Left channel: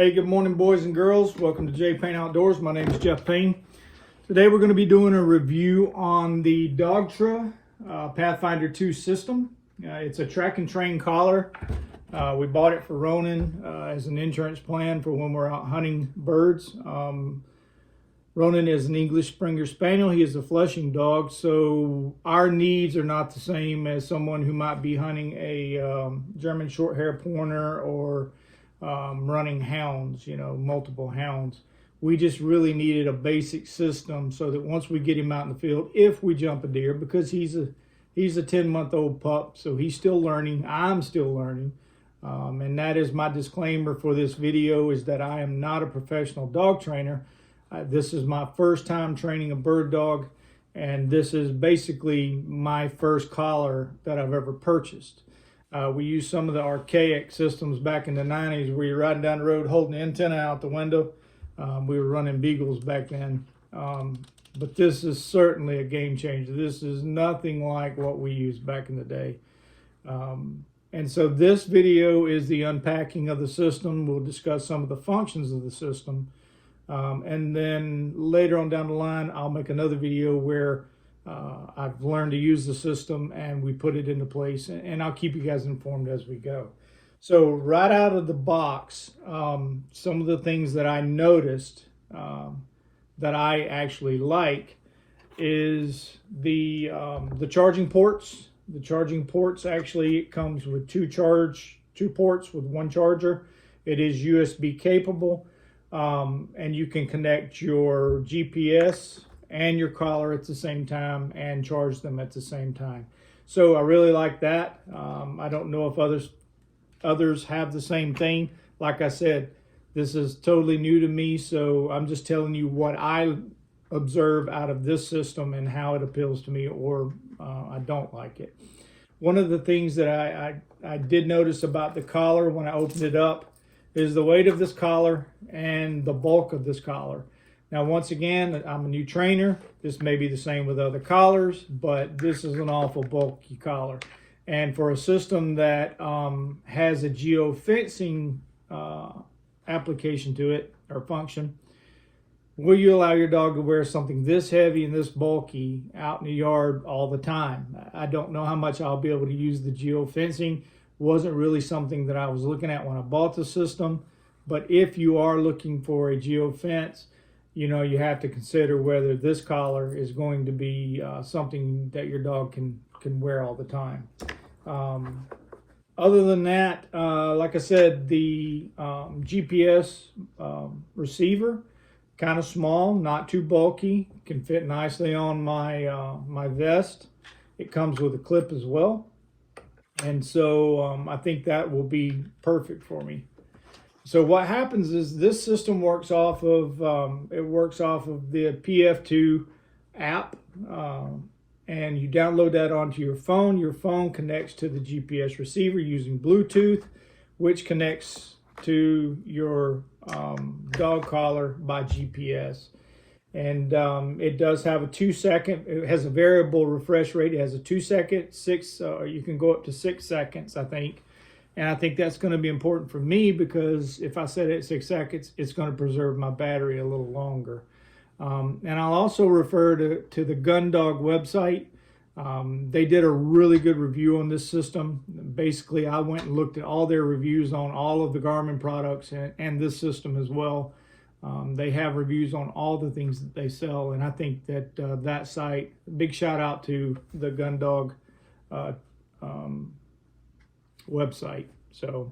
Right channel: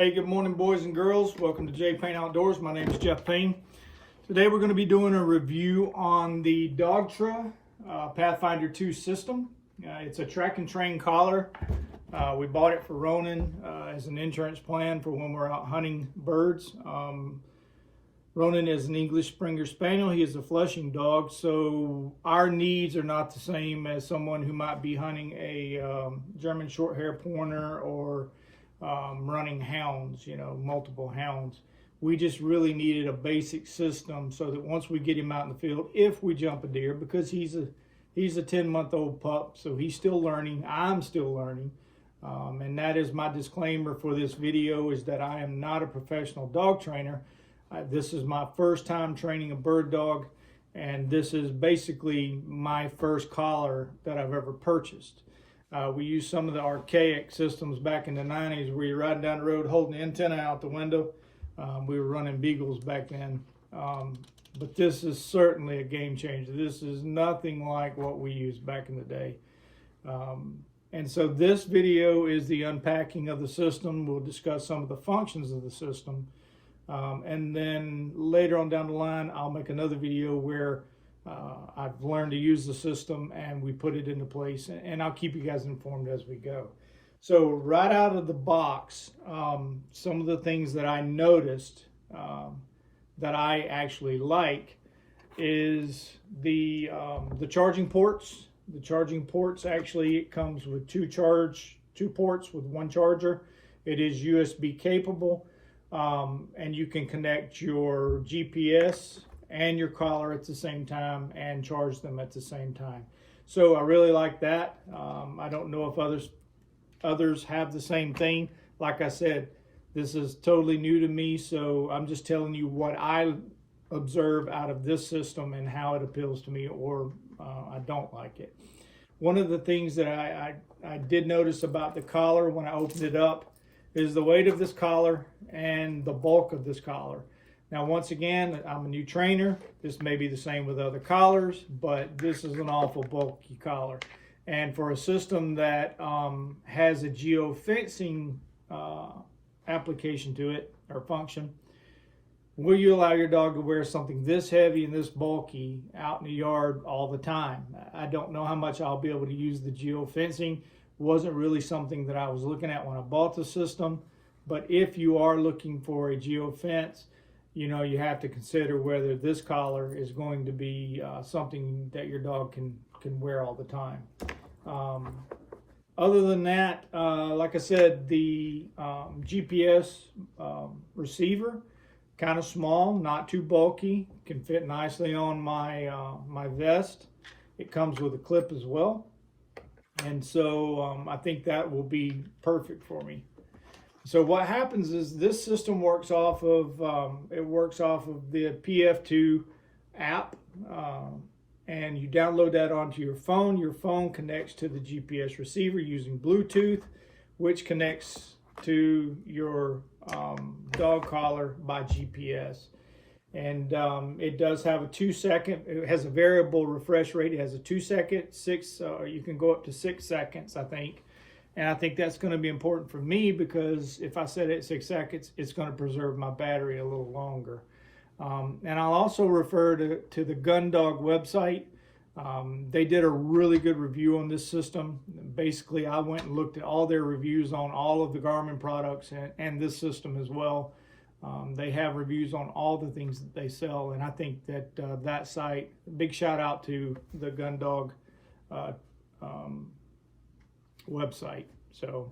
Hey, good morning, boys and girls. Welcome to J Payne Outdoors. My name is Jeff Payne. Today we're going to be doing a review on the Dogtra Pathfinder 2 system. It's a track and train collar. We bought it for Ronan as an insurance plan for when we're out hunting birds. Ronan is an English Springer Spaniel. He is a flushing dog, so our needs are not the same as someone who might be hunting a German short hair pointer or running hounds, multiple hounds. We just really needed a basic system so that once we get him out in the field, if we jump a deer, because he's a 10-month-old pup, so he's still learning. I'm still learning. And that is my disclaimer for this video, is that I am not a professional dog trainer. This is my first time training a bird dog, and this is basically my first collar that I've ever purchased. We used some of the archaic systems back in the 90s where you're riding down the road holding the antenna out the window. We were running Beagles back then. But this is certainly a game changer. This is nothing like what we used back in the day. And so this video is the unpacking of the system. We'll discuss some of the functions of the system. And then later on down the line, I'll make another video where I've learned to use the system and we put it into place, and I'll keep you guys informed as we go. So right out of the box, some of the things that I noticed that I actually like is the charging ports. The charging ports, actually, it comes with two ports with one charger. It is USB capable, and you can connect your GPS and your collar at the same time and charge them at the same time. So I really like that. I don't know if others have the same thing. Like I said, this is totally new to me, so I'm just telling you what I observe out of this system and how it appeals to me, or I don't like it. One of the things that I did notice about the collar when I opened it up is the weight of this collar and the bulk of this collar. Now, once again, I'm a new trainer. This may be the same with other collars, but this is an awful bulky collar. And for a system that has a geofencing application to it, or function, will you allow your dog to wear something this heavy and this bulky out in the yard all the time? I don't know how much I'll be able to use the geofencing. Wasn't really something that I was looking at when I bought the system. But if you are looking for a geofence, you have to consider whether this collar is going to be something that your dog can wear all the time. Other than that, like I said, the GPS receiver, kind of small, not too bulky, can fit nicely on my vest. It comes with a clip as well, and so I think that will be perfect for me. So what happens is this system works off of the PF2 app, and you download that onto your phone. Your phone connects to the GPS receiver using Bluetooth, which connects to your dog collar by GPS. And it does have a 2-second, it has a variable refresh rate. It has a 2-second, you can go up to 6 seconds, I think. And I think that's going to be important for me, because if I set it at 6 seconds, it's going to preserve my battery a little longer. And I'll also refer to the Gun Dog website. They did a really good review on this system. Basically, I went and looked at all their reviews on all of the Garmin products and this system as well. They have reviews on all the things that they sell, and I think that that site, big shout out to the Gun Dog website. So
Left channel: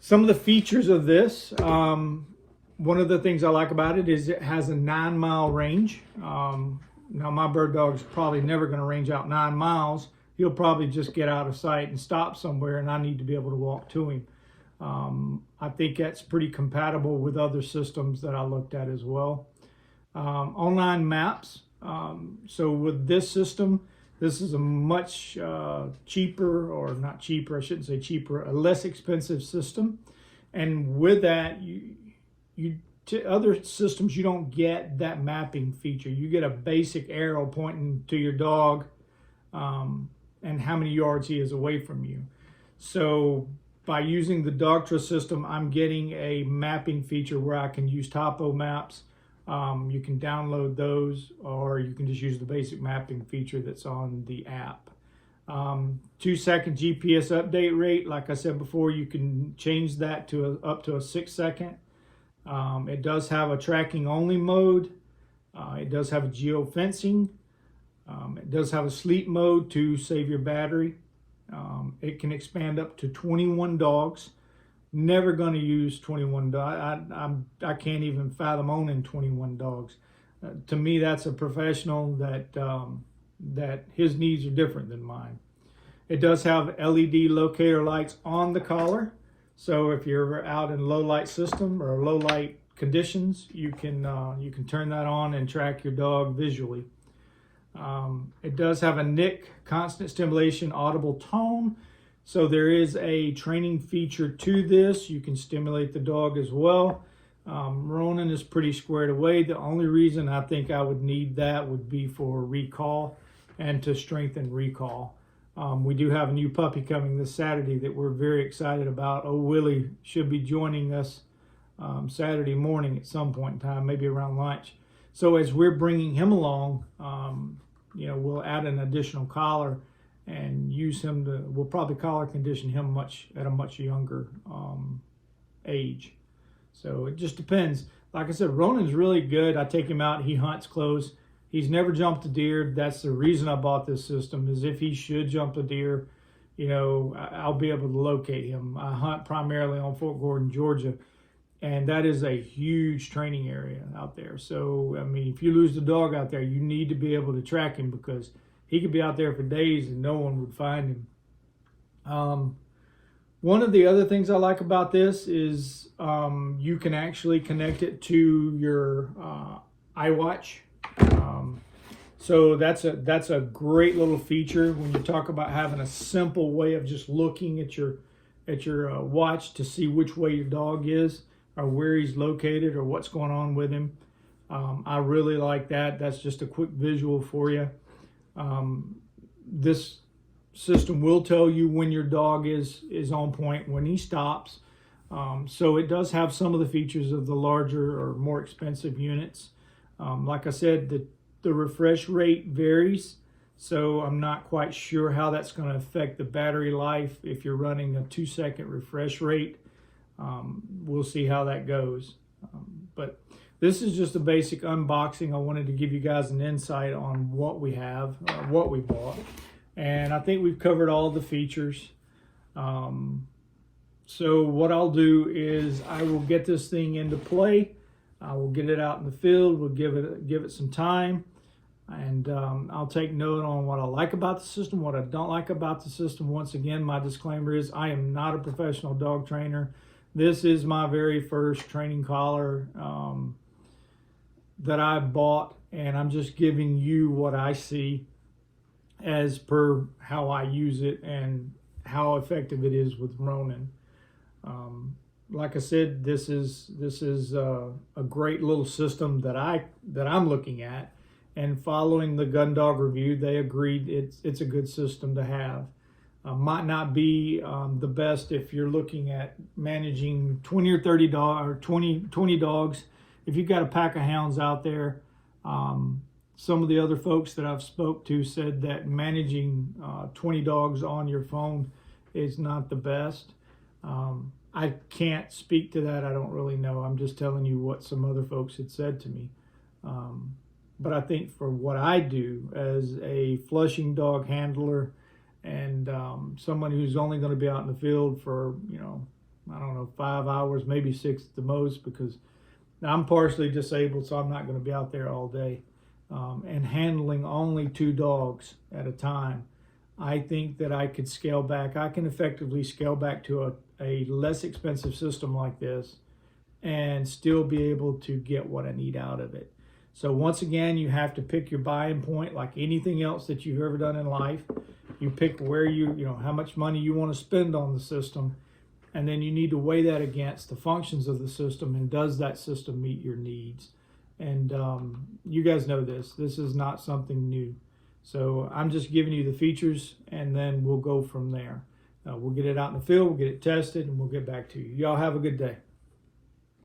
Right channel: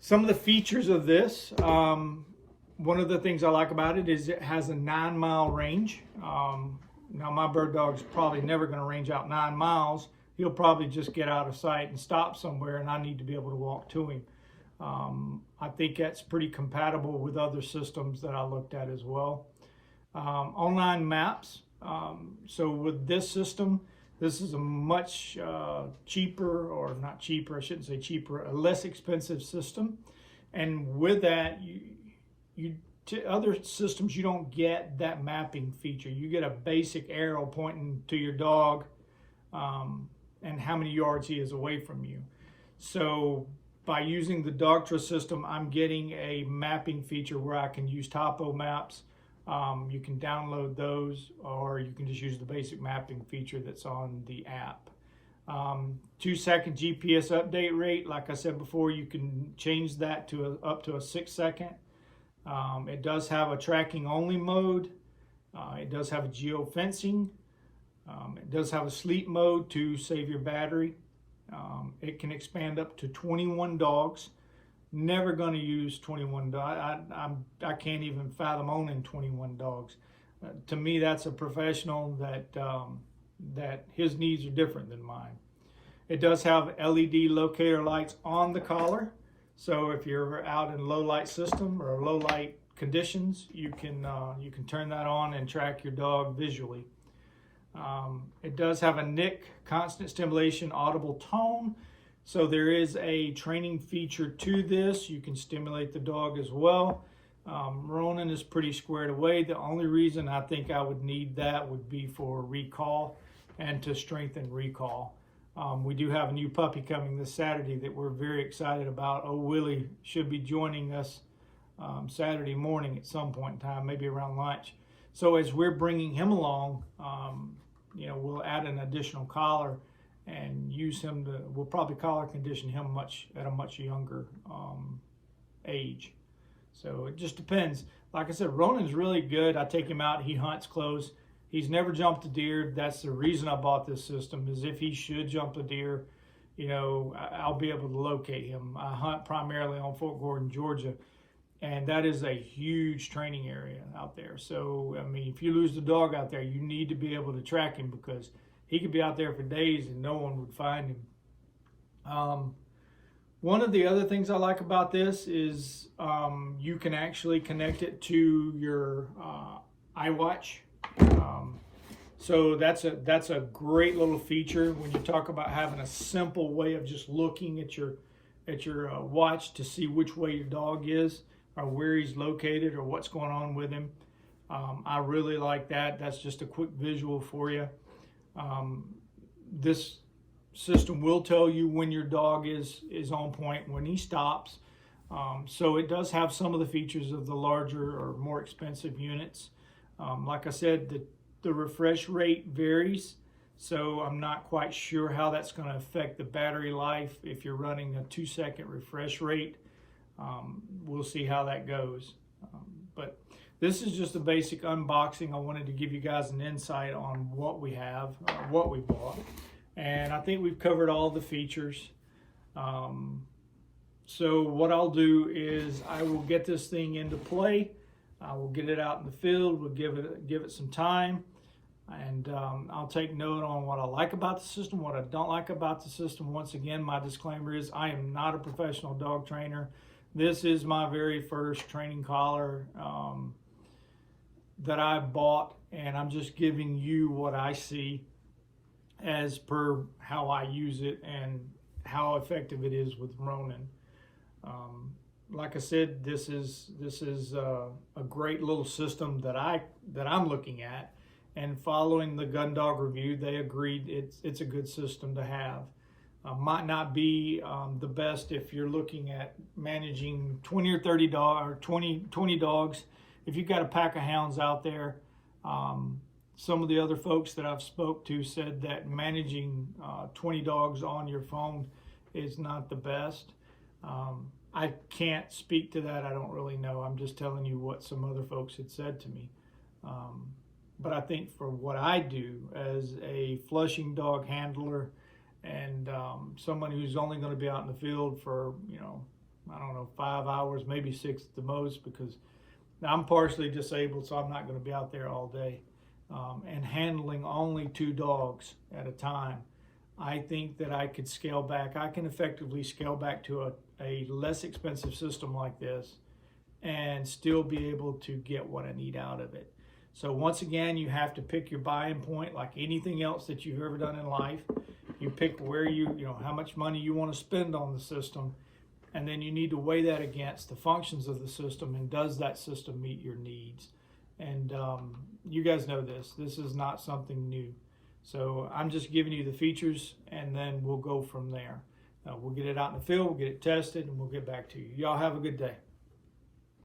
some of the features of this, one of the things I like about it is it has a 9-mile range. Now, my bird dog's probably never going to range out 9 miles. He'll probably just get out of sight and stop somewhere, and I need to be able to walk to him. I think that's pretty compatible with other systems that I looked at as well. Online maps. So with this system, this is a much cheaper, or not cheaper, I shouldn't say cheaper, a less expensive system. And with that, other systems, you don't get that mapping feature. You get a basic arrow pointing to your dog and how many yards he is away from you. So by using the Dogtra system, I'm getting a mapping feature where I can use topo maps. You can download those, or you can just use the basic mapping feature that's on the app. 2-second GPS update rate. Like I said before, you can change that to up to a 6-second. It does have a tracking only mode. It does have a geofencing. It does have a sleep mode to save your battery. It can expand up to 21 dogs. Never going to use 21 dogs. I can't even fathom owning 21 dogs. To me, that's a professional that his needs are different than mine. It does have LED locator lights on the collar. So if you're out in low light system or low light conditions, you can turn that on and track your dog visually. It does have a NIC, constant stimulation audible tone. So there is a training feature to this. You can stimulate the dog as well. Ronan is pretty squared away. The only reason I think I would need that would be for recall and to strengthen recall. We do have a new puppy coming this Saturday that we're very excited about. Oh, Willie should be joining us Saturday morning at some point in time, maybe around lunch. So as we're bringing him along, we'll add an additional collar and use him to, we'll probably collar condition him at a much younger age. So it just depends. Like I said, Ronan's really good. I take him out, he hunts close. He's never jumped a deer. That's the reason I bought this system, is if he should jump a deer, I'll be able to locate him. I hunt primarily on Fort Gordon, Georgia, and that is a huge training area out there. So, I mean, if you lose the dog out there, you need to be able to track him, because he could be out there for days and no one would find him. One of the other things I like about this is you can actually connect it to your iWatch. So that's a great little feature when you talk about having a simple way of just looking at your watch to see which way your dog is, or where he's located, or what's going on with him. I really like that. That's just a quick visual for you. This system will tell you when your dog is on point, when he stops. So it does have some of the features of the larger or more expensive units. Like I said, the refresh rate varies, so I'm not quite sure how that's going to affect the battery life if you're running a 2-second refresh rate. We'll see how that goes. But this is just a basic unboxing. I wanted to give you guys an insight on what we have, what we bought. And I think we've covered all the features. So what I'll do is I will get this thing into play. I will get it out in the field. We'll give it some time, and I'll take note on what I like about the system, what I don't like about the system. Once again, my disclaimer is I am not a professional dog trainer. This is my very first training collar that I bought, and I'm just giving you what I see as per how I use it and how effective it is with Ronan. Like I said, this is a great little system that I'm looking at, and following the Gun Dog review, they agreed it's a good system to have. Might not be the best if you're looking at managing 20 or 30 dogs, or 20 dogs. If you've got a pack of hounds out there, some of the other folks that I've spoke to said that managing 20 dogs on your phone is not the best. I can't speak to that. I don't really know. I'm just telling you what some other folks had said to me. But I think for what I do as a flushing dog handler and someone who's only going to be out in the field for, I don't know, 5 hours, maybe 6 at the most, because I'm partially disabled, so I'm not going to be out there all day. And handling only 2 dogs at a time, I think that I could scale back. I can effectively scale back to a less expensive system like this and still be able to get what I need out of it. So once again, you have to pick your buying point like anything else that you've ever done in life. You pick where how much money you want to spend on the system, and then you need to weigh that against the functions of the system, and does that system meet your needs? And you guys know this is not something new. So I'm just giving you the features, and then we'll go from there. We'll get it out in the field, we'll get it tested, and we'll get back to you. Y'all have a good day.